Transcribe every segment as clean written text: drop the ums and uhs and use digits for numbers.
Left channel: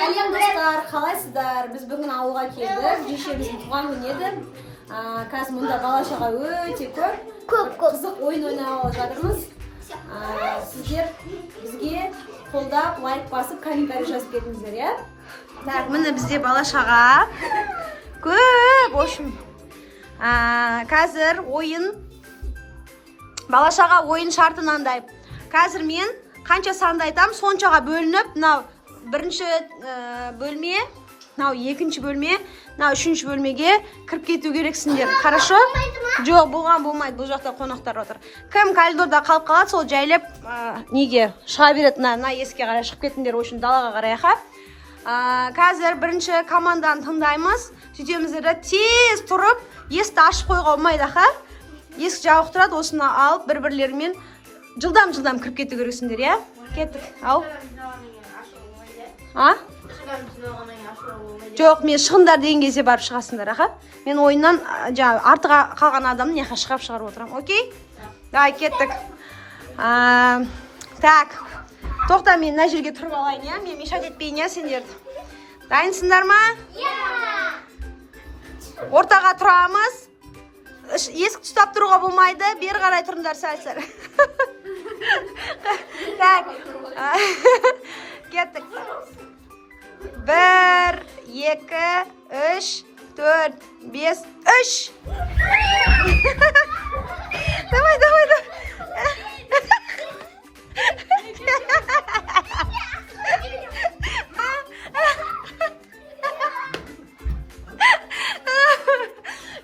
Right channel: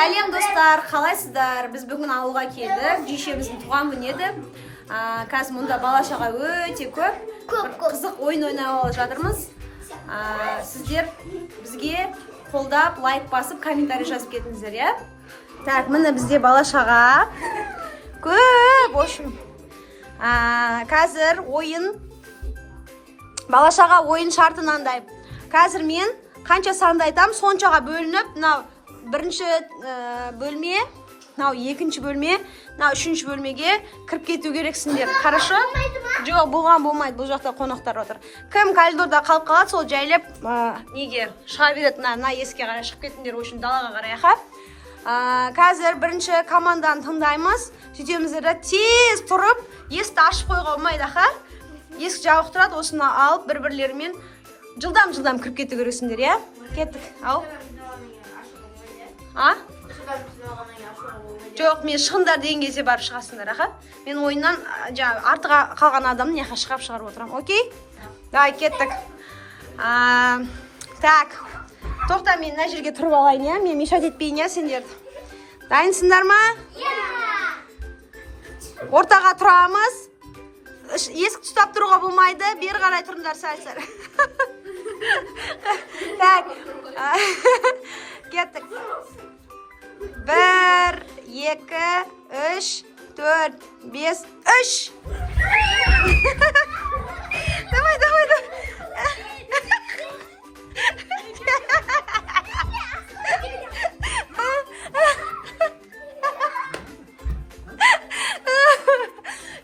Сәлем достар, қалайсыздар? Біз бүгін ауылға келдік. Жешеміздің туған күні еді. Қазір мұнда бала-шаға өте көп. Қызық ойын ойнап жатырмыз. Сіздер бізге қолдап, лайк басып, комментарий жазып кетіңіздер, иә? Міне бізде бала-шаға көп, в общем. Қазір ойын бала-шаға ойын шарты мынандай. Қазір мен қанша санды айтам, соншаға бөлініп, мынау бірінші бөлме, мынау екінші бөлме, мынау үшінші бөлмеге кіріп кету керексіңдер. Хорошо? Жоқ, болған болмайды, бұл жақта қонақтар отыр. Кім коридорда қалып қалады, сол жайлап неге шыға береді, мына есікке қарай шығып кетіңдер, үшін далаға қарай. Қазір бірінші команданы тыңдаймыз. Сөйтеміздер тез тұрып, есікті ашып қойға болмайды, есік жабық тұрады, осыны алып бір-бірлерімен жылдам кіріп кету керексіңдер, иә? Кеттік, ау. Жоқ, мен шығындар деген кезде барып шығасыңдар, мен ойыннан артыға қалған адамын неқа шығарып отырам, окей? Давай, кеттік. Так, тоқта, мен мына жерге тұрып алайын, иә? Мен мешат етпейін, иә, сендер? Дайынсыңдар ма? Ортаға тұрамыз. Есік тұстап тұруға болмайды, бері қарай тұрыңдар сәл-сәл. Так, кеттік. 1, 2, 3, 4, 5, 3. Давай.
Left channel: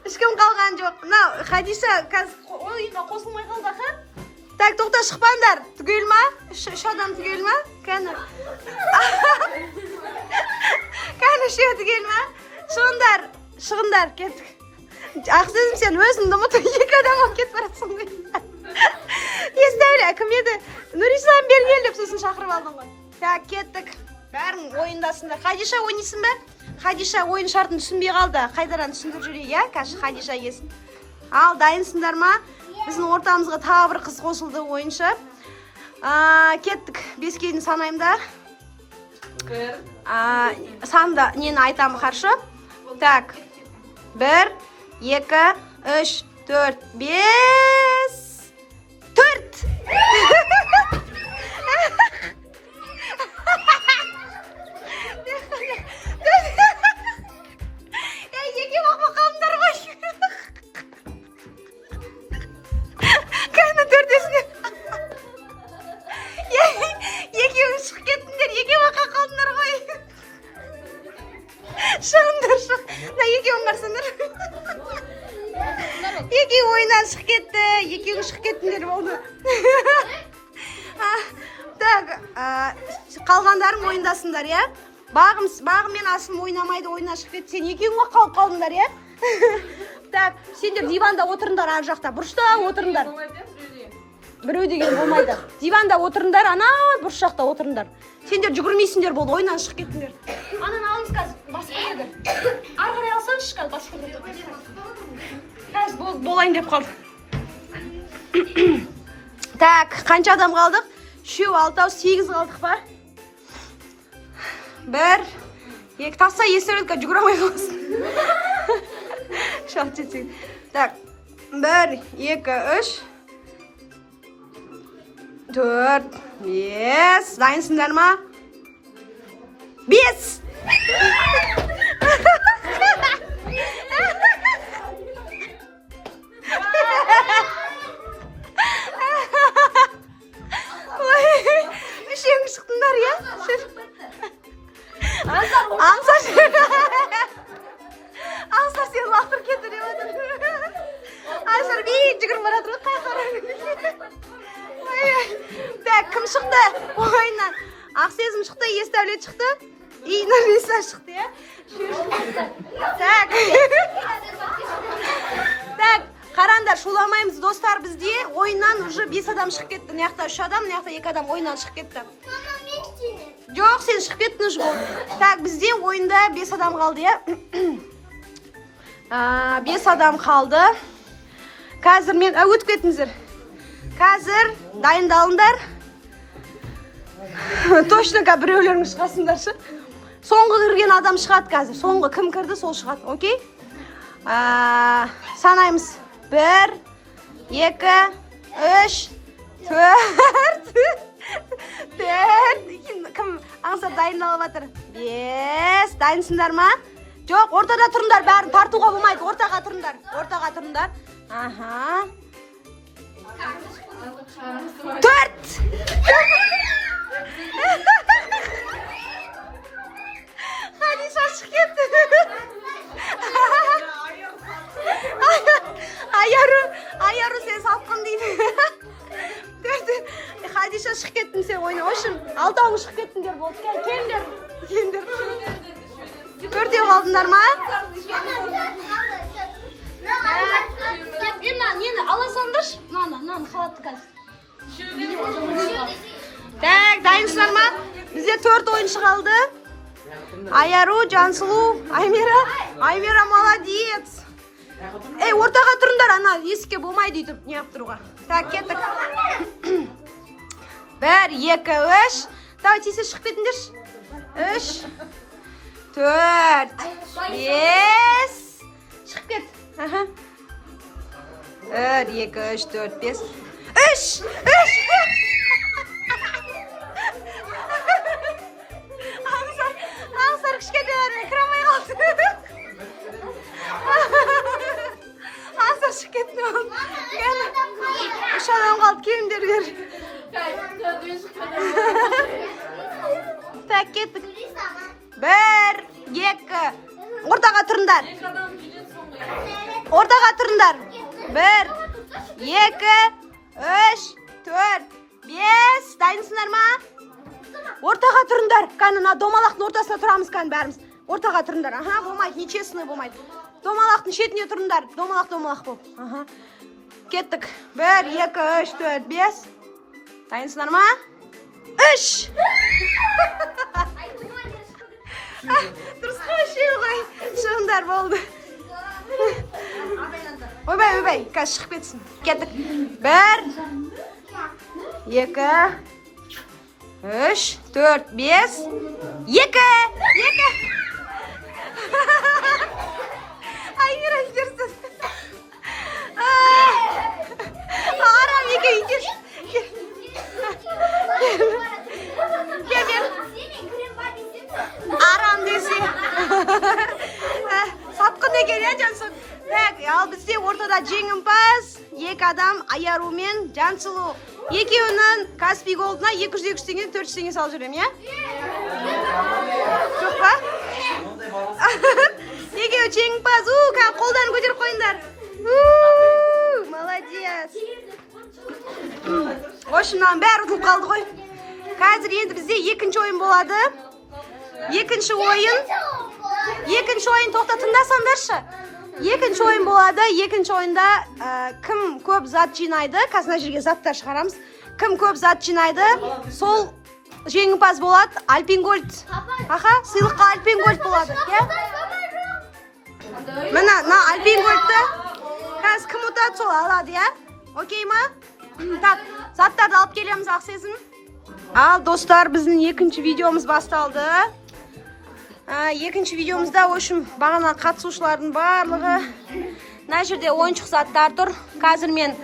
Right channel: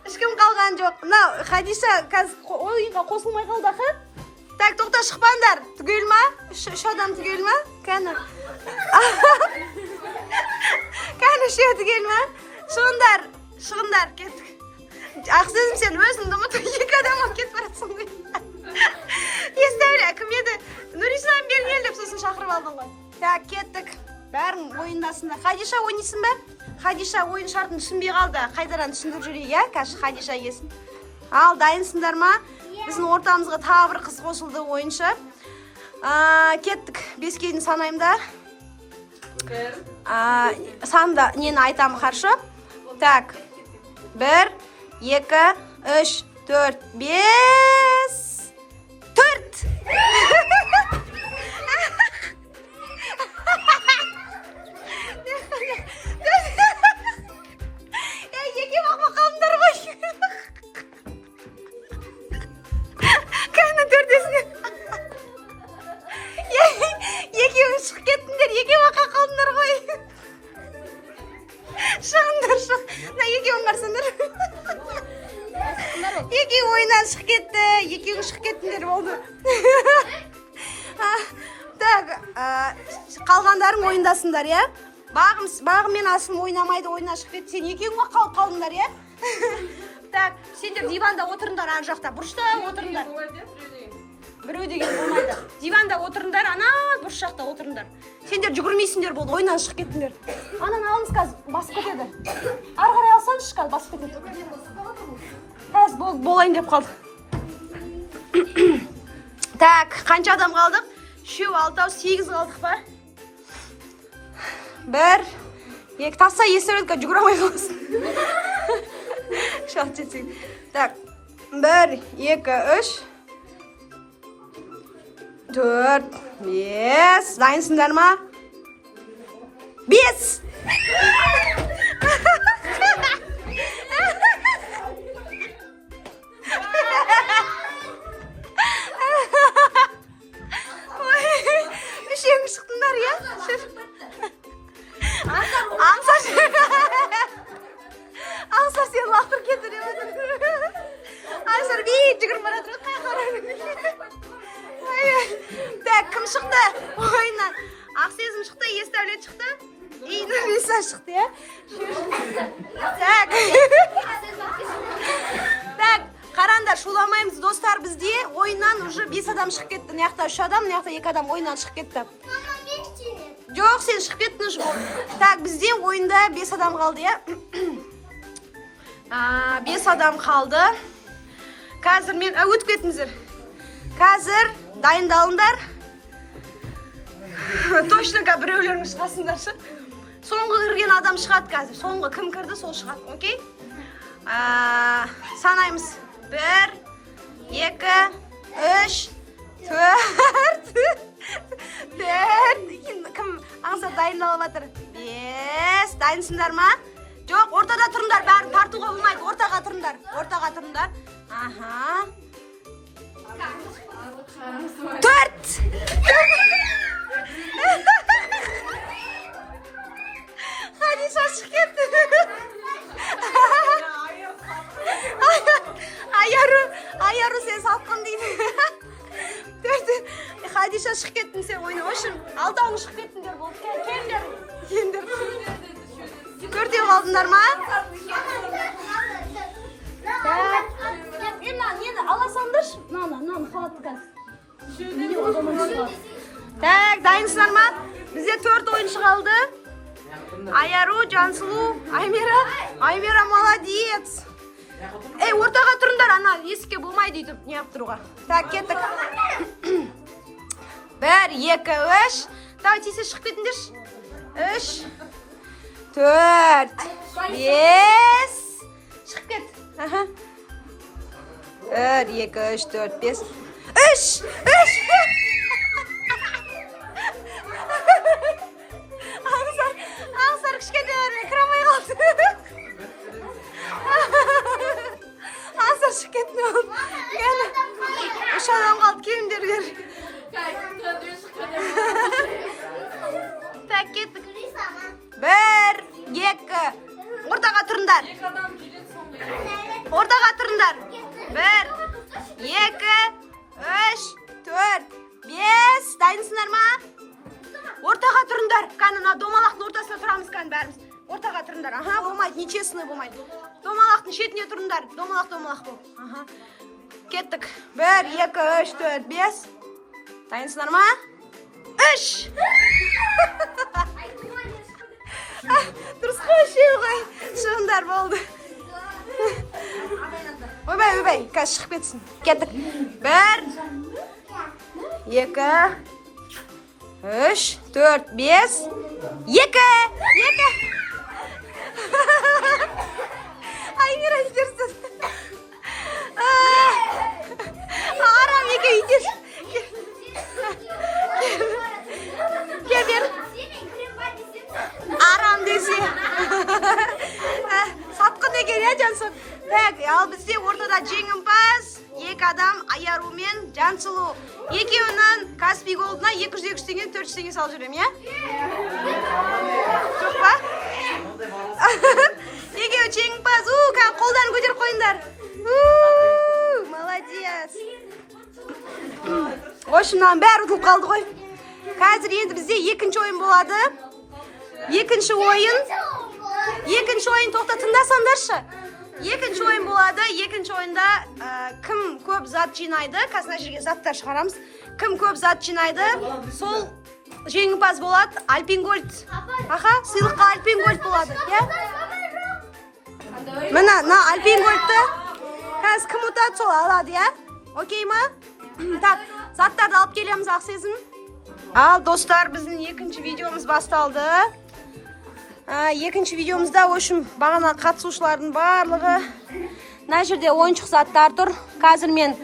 Ешкім қалған жоқ. Хадиша қазір ойынға қосылмай қалды, Так, тоқта шықпаңдар. Түгел ма? Үш адам түгел ма? Кәні. Кәні үшеу түгел ма? Сондар, шығындар, кеттік. Ақсезім сен өзіңді ұмытып, екі адам алып кетіп барасың дейді. Естәулі, кім еді? Нұрислам бергел деп сосын шақырып алдың ғой. Так, кеттік. Бәрің ойындасыңдар. Хадиша ойнайсың ба? Хадиша ойын шартын түсінбей қалды. Қайдаран түсіндіріп жүрейік, иә? Қазір Хадиша келсін. Ал, дайынсыңдар ма? Біздің ортамызға тағы бір қыз қосылды ойыншы. Кеттік, 5-ке дейін санаймда. Санды нені айтамын қаршы. Так, 1, 2, 3, 4, 5, 4. Еке бақпа қалымдар ғой. Екеуі шығып кеттіңдер, еке бақа қалдыңдар ғой. Шығыңдар. Екеуің қарсыңдар. Екеуі ойыннан шығып кетті, екеуі шығып кеттіңдер болды. Так, қалғандарың ойындасыңдар, иә? Бағым мен асылым ойнамайды, ойыннан шығып кетті. Сен екеуің қалып қалдыңдар, иә? Так, сендер диванда отырыңдар, ар жақта, бұрышта отырыңдар. Біреу деген болмайды. Диванда отырыңдар, ана бұрыш жақта отырыңдар. Сендер жүгірмейсіңдер болды, ойынан шығып кеттіңдер. Анан алыңыз қазір, басып кетеді. Ары қарай алсаңыз қазір басып кетеді. Қазір болайын деп қалды. Так, қанша адам қалдық? 3, 6, 8 қалдық ба? 1, 2, тасса есіретке жүгіре алмай қаласың. Шалт жетсең. Так, 1, 2, 3, 4, 5. Дайынсыңдар ма? 5. Үшеуің шықтыңдар, иә? Аңсар сен лақтыр кетті деп отыр. Аңсар бейт жүгіріп бара тұрды, қай. Так, кім шықты? Ойыннан. Ақсезім шықты, Естәулет шықты. Нұрислам шықты, иә? Так, қараңдар, шуламаймыз достар, бізде ойыннан уже 5 адам шығып кетті. Мынаяқта 3 адам, мынаяқта 2 адам ойыннан шығып кетті. Жоқ, сен шығып кеттің жол. Так, бізде ойында 5 адам қалды, иә? 5 адам қалды. Қазір мен өтіп кетіңіздер. Қазір дайындалыңдар. Точно біреулерің шығасыңдаршы. Соңғы кірген адам шығады қазір. Соңғы кім кірді, сол шығады. Окей? Санаймыз. 1, 2, 3, 4. 4. Кім аңсап дайындалып жатыр? 5. Дайынсыңдар ма? Жоқ, ортада тұрыңдар, бәрін тартуға болмайды. Ортаға тұрыңдар. Ортаға тұрыңдар. Аха. 4. Хадиса шығып кетті. Айару сен салқын дейді. Хадиша шығып кеттің сен ойна. Ошын, алтауың шығып кеттіңдер болды. Келіңдер. Төртеу қалдыңдар ма? Нені ала салыңдаршы. Наны қалатты қазір. Так, дайынсыңдар ма? Бізде 4 ойыншы қалды. Айару, Жансұлу, Аймира молодец. Ортаға тұрыңдар, ана есікке болмайды өйтіп неғып тұруға. Так, кеттік. 1, 2, 3. Давай, тесе шығып кетіңдерші. 3, 4, 5. Шығып кет. 1, 2, 3, 4, 5. 3. Аңсар кішкентай кірамай қалды. Аңсар шығып кетті. Үш адам қалды, келіңдер бер. Так, кеттік. 1, 2. Ортаға тұрыңдар. Ортаға тұрыңдар. 1, 2, 3, 4, 5. Дайынсыңдар ма? Ортаға тұрыңдар. Кәні домалақтың ортасына тұрамыз кәні бәріміз. Ортаға тұрыңдар. Аха, болмайды, нечесіне болмайды. Домалақтың шетіне тұрыңдар. Домалақ бол. Аха. Кеттік. 1, 2, 3, 4, 5. Дайынсыңдар ма? 3. Дұрыс қой, ғой. Шығыңдар болды. Ойбай, қазір шығып кетсін. Кеттік. 1, 2, 3, 4, 5. 2. Аймира итерсіз. Арам екі итер. Кел. Арам десе. Сатқын екен, Жансұлу. Так, ал бізде ортада жеңімпаз. 2 адам, Айару мен Жансұлу. Екеуінің Каспий голдына 200 теңге, 400 теңге салып жүрем, е? Жоқ па? Екеуі жеңімпаз. Қолдан көтеріп қойыңдар. Молодец. Ошынан бәрі ұтылып қалды ғой. Қазір енді бізде екінші ойын болады. Екінші ойын тоқтатыңдарсаңдаршы. Екінші ойын болады. Екінші ойында кім көп зат жинайды, қазір жерге заттар шығарамыз. Кім көп зат жинайды, сол жеңімпаз болады. Альпингольд. Аха, сыйлыққа Альпингольд болады. Міне, Альпингольдті қазір кім ұтады, сол алады, я? Окей ма? Так, заттарды алып келеміз, ақсезін. Ал, достар, біздің екінші видеомыз басталды. Екінші видеомызда, ошым, бағана қатысушылардың барлығы. Мына жерде ойыншық заттар тұр. Қазір мен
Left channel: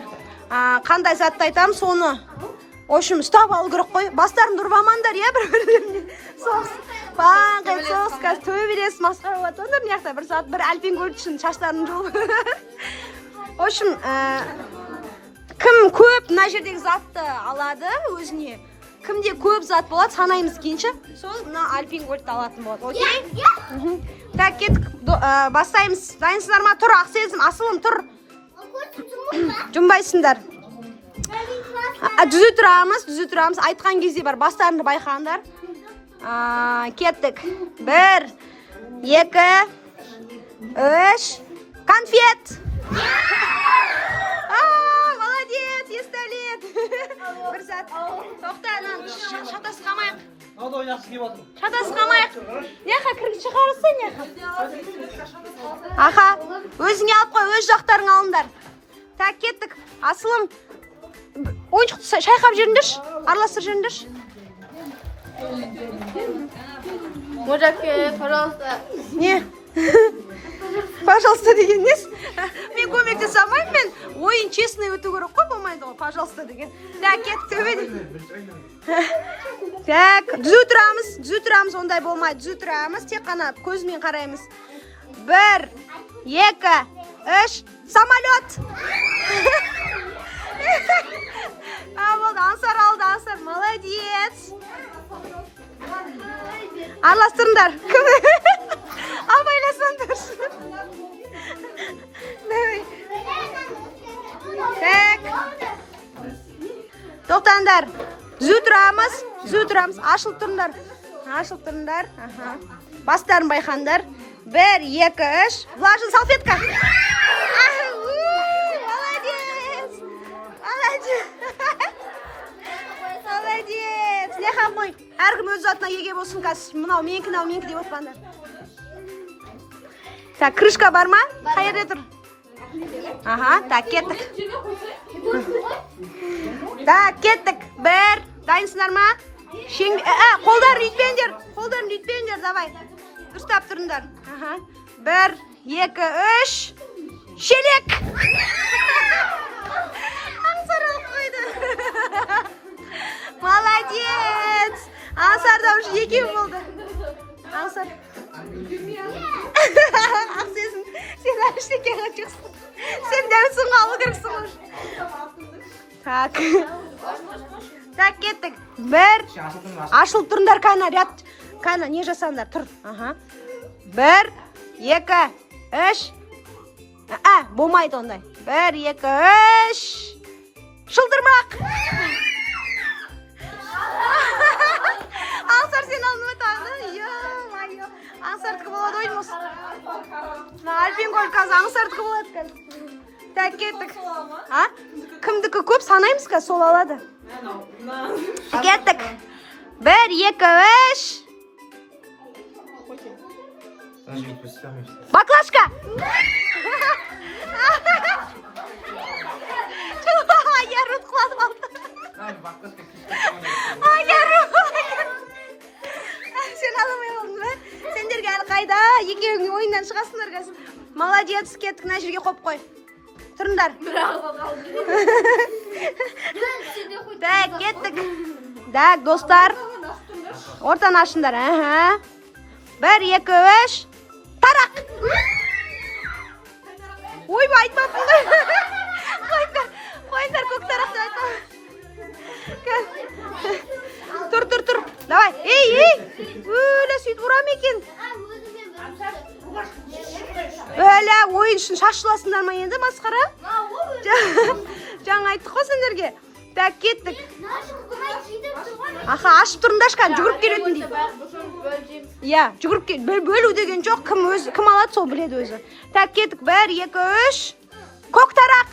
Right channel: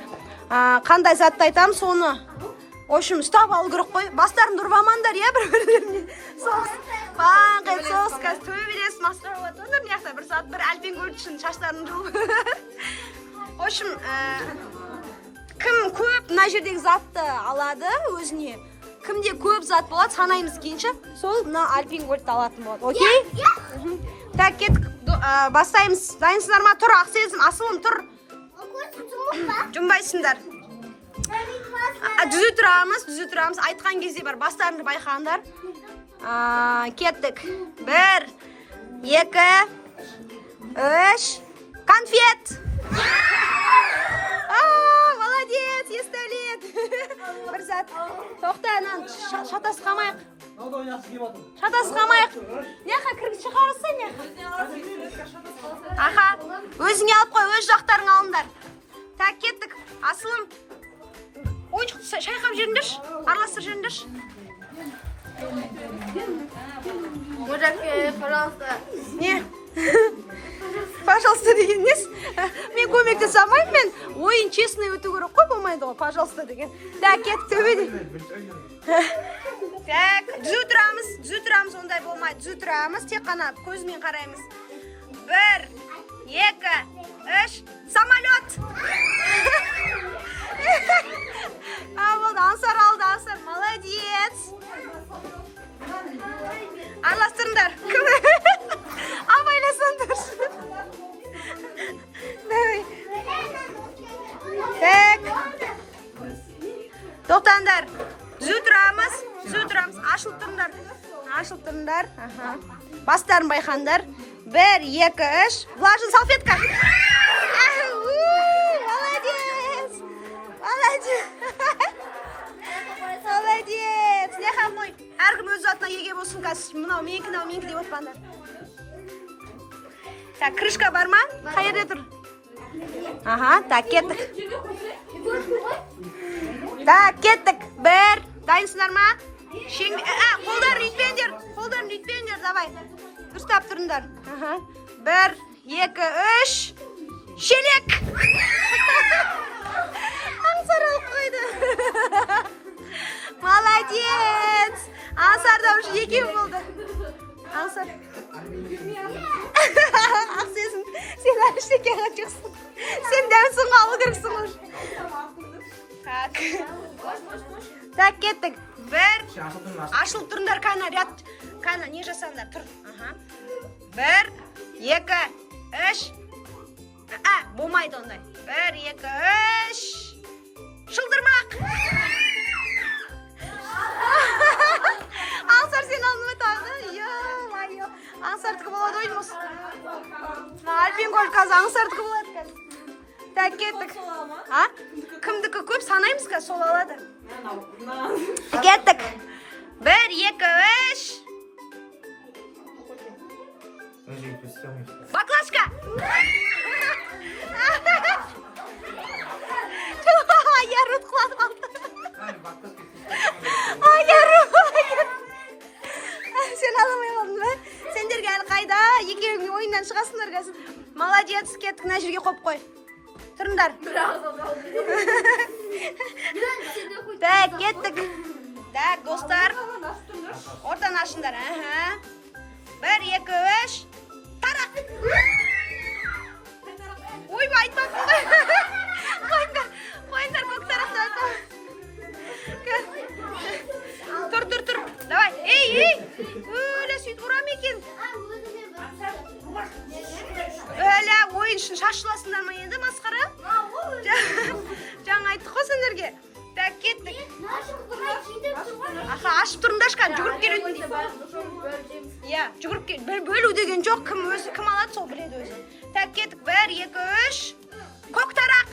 қандай затты айтам, соны ошым ұстап алу керек қой. Бастарын ұрып амандар, я, бір-біріне. Соғыс, қазір төбелес, масқара болатындар. Неқта, бір сағат бір Альпингольд үшін шаштарын жол. Ошым, кім көп мына жердегі затты алады өзіне? Кімде көп зат болады, санаймыз кейінше, сол мына Альпингольдті алатын болады, окей? Так, кеттік, бастаймыз. Дайынсыңдар ма? Тұр, ақсезім, асылым, тұр. Жұмбайсыңдар. Дүзі тұрамыз. Айтқан кезде бар, бастарыңды байқаңдар. Кеттік. 1, 2, 3. Конфет! Молодец, естәлет. Бір сәт. Тоқта, шатасқамайық. Неқа, кіргіт шығарысы, неқа? Аха, өзіңе алып қой, өз жақтарың алыңдар. Так, кеттік. Асылым, ойыншықты шайқап жеріндірш, араластыр жеріндірш. Мужаке, пожалуйста. Не. Пожалуйста деген несі? Мен көмектесе алмаймын, мен ойын честный өту керек қой, болмайды ғой, пожалуйста деген. Так, кеттік төбеде. Так, түзу тұрамыз, ондай болмайды. Түзу тұрамыз, тек қана көзімен қараймыз. 1, 2, 3, самолет. Болды, Аңсар алды, Аңсар, молодец. Араластырыңдар. Абайласаңдар. Так. Тоқтаңдар. Түзу тұрамыз. Ашылып тұрыңдар. Бастарын байқаңдар. 1, 2, 3. Влажный салфетка. Молодец. Леха қой. Әркім өз затына еге болсын қазір. Мынау менікі деп отпаңдар. Так, крышка бар ма? Қайерде тұр? Ага, так, кеттік. Так, кеттік. 1, дайынсыңдар ма? Қолдарын үйтпеңдер, давай. Дұрыстап тұрыңдар. 1, 2, 3. Шелек. Аңсар алып қойды. Молодец. Аңсарда уже екеу болды. Аңсар. Ақсезім, сен әшеке қачықсың. Сен дәмсің қалы кіріксің ұш. Так, кеттік. 1. Ашылып тұрыңдар, Кайна, не жасаңдар, тұр. 1, 2, 3. Болмайды ондай. 1, 2, 3. Шылдырмақ. Аңсар сен алдыма тағды. Аңсардікі болады ойымыз. Альпин қой қазір Аңсардікі болады қазір. Так, кеттік. Кімдікі көп санаймыз қазір, сол алады. Кеттік. 1, 2, 3. Баклашка. Айяру құлады қалды. Сен аламай қалдың ба? Сендерге әлі қайда? Екеуіңе ойындан шығасыңдар қазір. Молодец, кеттік, мына жерге қойып қой. Тұрыңдар. Так, кеттік. Так, достар. Ортаны ашыңдар. 1, 2, 3. Тарақ. Ой, айтпаппын да. Қойыңдар, көк тарақты айтпаппын. Тұр. Давай. Ей. Өлі сөйтіп ұрам екен. Өлі ойын үшін шашыласыңдар ма енді, масқара? Жаңа айттық қой сендерге. Так, кеттік. Ашып тұрында ашқан, жүгіріп келетін дейді. Жүгіріп кел. Бөлу деген жоқ, кім алады сол біледі өзі. Так, кеттік. 1, 2, 3. Көк тарақ.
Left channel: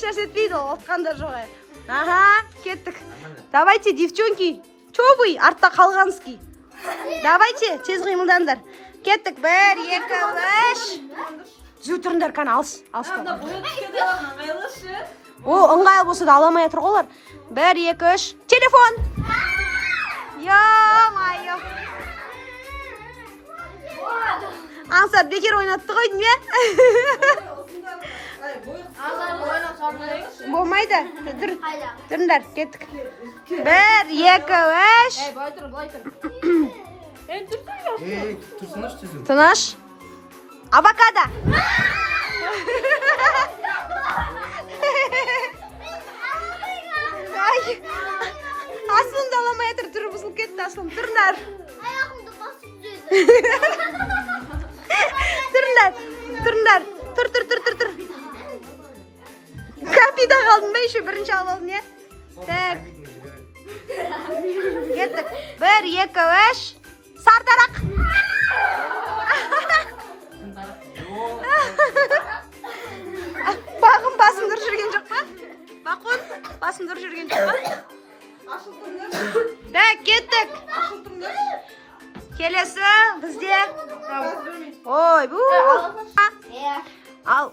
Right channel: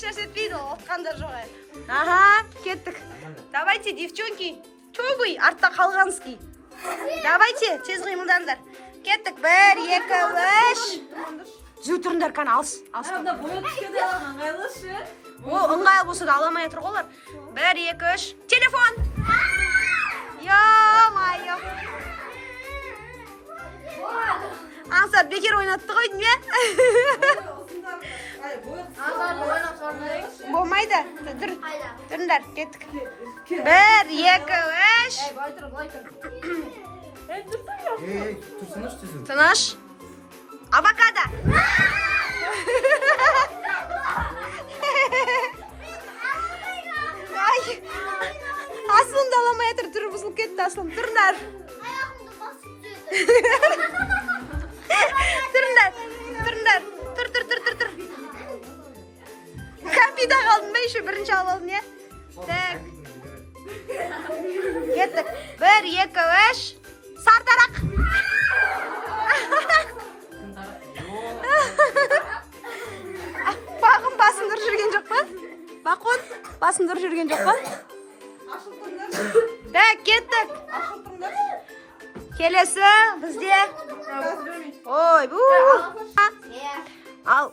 Шаш етпейді, отқандар жоғай. Кеттік. Давайте, девчонки. Чё вы? Артта қалғансыз. Давайте, тез қимылдандар. Кеттік. 1, 2, 3. Жүз тұрыңдар, кәні алыс. О, ыңғайлы болса да аламай атыр қолар. 1, 2, 3. Телефон. Ё-майо. Аңсар бекер ойнатты ғой дейме? Болмайды. Тұрыңдар, кеттік. 1, 2, 3. Тыныш. Авокадо. Аслымды аламай атыр, түрі бұзылып кетті Аслым. Тұрыңдар. Тұрыңдар. Тұр. Кәмпида қалдың ба, еще бірінші алып алдың, е? Так. Кеттік. 1, 2, 3. Сартарақ. Бағым басын дұрыс жүрген жоқ па? Бақон, басын дұрыс жүрген жоқ па? Так, кеттік. Келесі бізде. Ой, ал,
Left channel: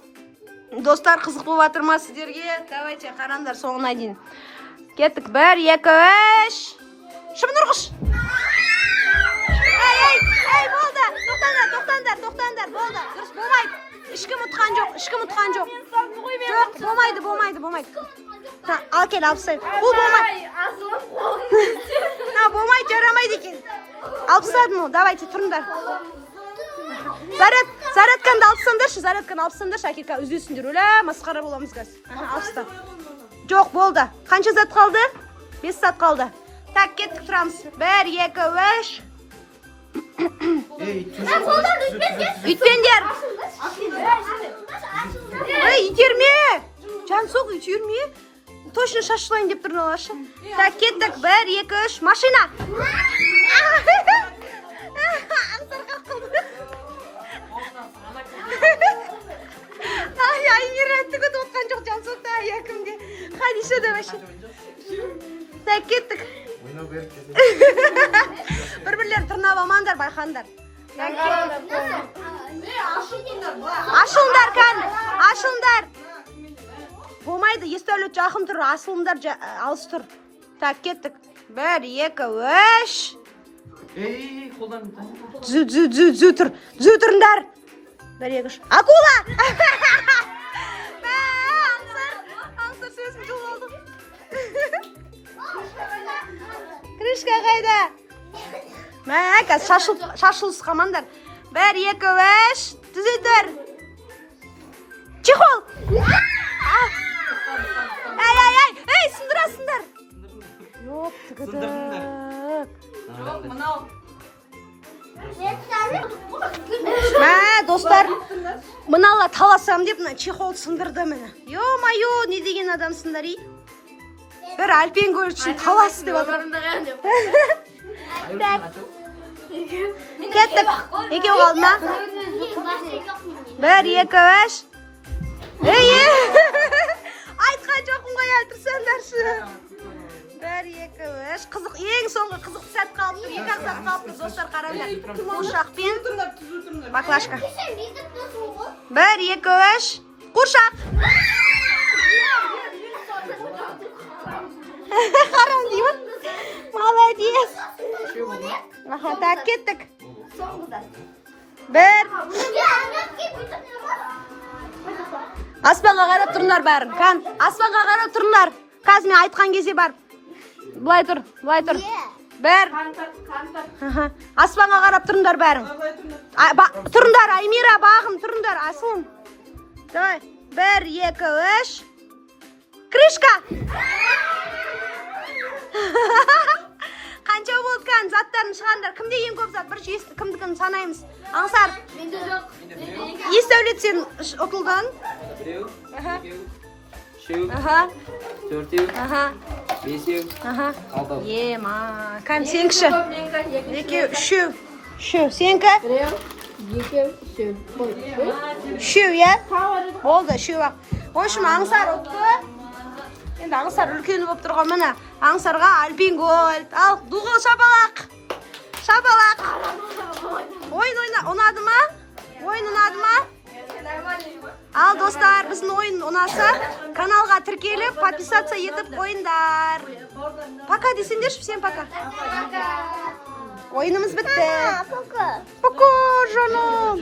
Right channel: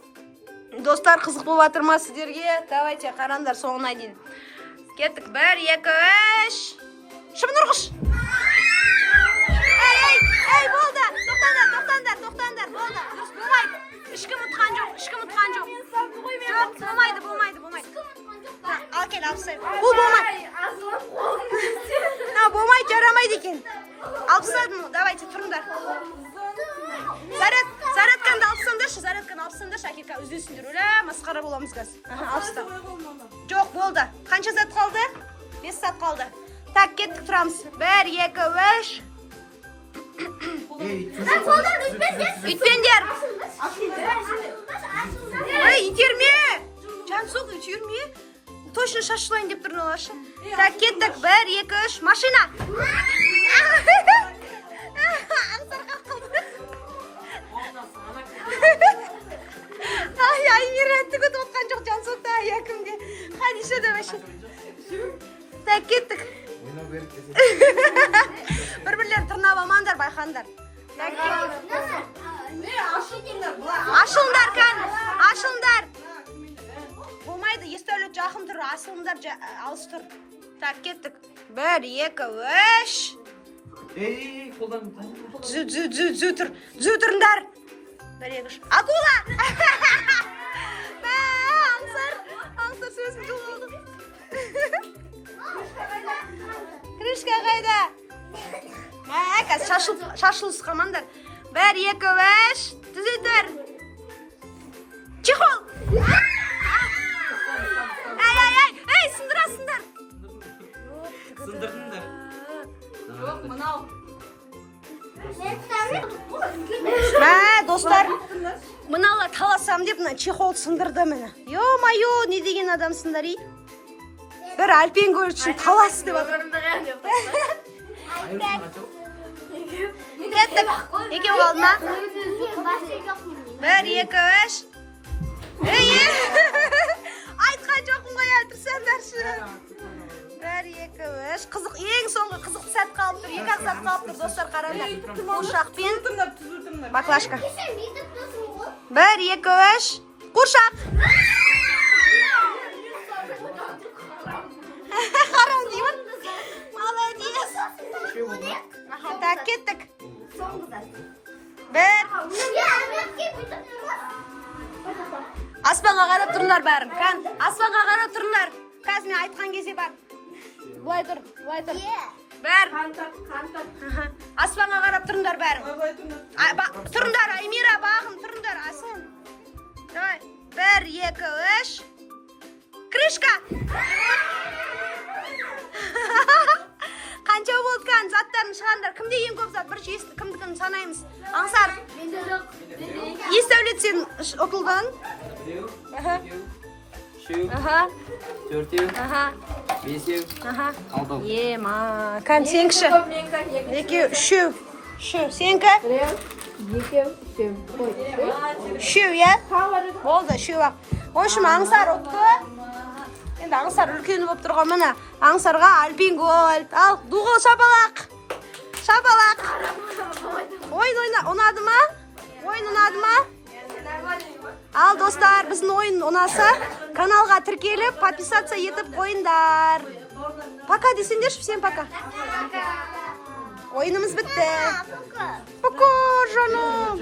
достар, қызық болып атыр ма сіздерге? Давайте, қараңдар соңына дейін. Кеттік. 1, 2, 3. Шымнұрғыш. Ей, болды. Тоқтаңдар. Болды. Дұрыс болмайды. Ешкім ұтқан жоқ. Жоқ, болмайды. Ал кел, алып тастайық. Бұл болмайды. Болмайды, жарамайды екен. Алып тастадым ол. Давайте, тұрыңдар. Зарядканы алып тастаңдаршы, әкелка үзесіңдер. Өлә, масқара боламыз қазір. Алып таста. Жоқ, болды. Қанша зат қалды? 5 зат қалды. Так, кеттік, тұрамыз. 1, 2, 3. Үйтпеңдер. Итерме. Жансоқ, итерме. Точно шашылайын деп тұрды олашы. Так, кеттік. 1, 2, 3. Машина. Аңсарға қылды. Аймира түгіт отқан жоқ Жансоқта якімде. Хадиша да башы. Так, кеттік. Бір-бірлерін тырнап амандар, байқандар. Ашылыңдар. Болмайды, естәулет жақын тұр, асылымдар алыс тұр. Так, кеттік. 1, 2, 3. Зү тұрындар. 1, 2, 3. Акула! Аңсар сөзім жол олды. Крышка қайда? Мәкәз, шашылыс қамандар. 1, 2, 3. Түзетір. Чехол! Эй, сындырасындар. Жоқ, түгіді. Достар, мынала таласам деп, чехол сындырды мені. Йо-майо, не деген адамсыңдар, ей? Бір альпен көріп үшін талас деп атырам. Кеттік. Екеу қалды ма? 1, 2, 3. Ей! Айтқан жоқын қой, тұрсаңдаршы. 1, 2, 3. Қызық, ең соңғы қызық сәт қалып тұр. 2 ақ сәт қалып тұр, достар, қараңдар. Қуыршақпен. Баклашка. 1, 2, 3. Қуыршақ. Қарам деймін. Молодец. Так, кеттік. 1. Аспанға қарап тұрыңдар бәрін. Аспанға қарап тұрыңдар. Қазір мен айтқан кезде бар. Бұлай тұр. 1. Аспанға қарап тұрыңдар бәрін. Тұрыңдар, Аймира, бағым, тұрыңдар, асылын. 1, 2, 3. Крышка! Қанша болдықан заттарын шығандар. Кімде ең көп зат? Бірінші кімдікін санаймыз. Аңсар. Естәулет сен ұтылдан. 3, 4, 5, 6. Ема. Кән, сенкіші. 2, 3. Сенкі? 3, е? Болды, 3 ақ. Ойшым, аңсар ұтты. Енді аңсар үлкені болып тұрған мына. Аңсарға альпин голд. Ал, дуғыл шапалақ. Ойын ұнады ма? Ал, достар, біздің ойын ұнаса, каналға тіркеліп, подписаться етіп қойындар. Пока десеңдерші, всем пока. Ойынымыз бітті. Пока, жаным.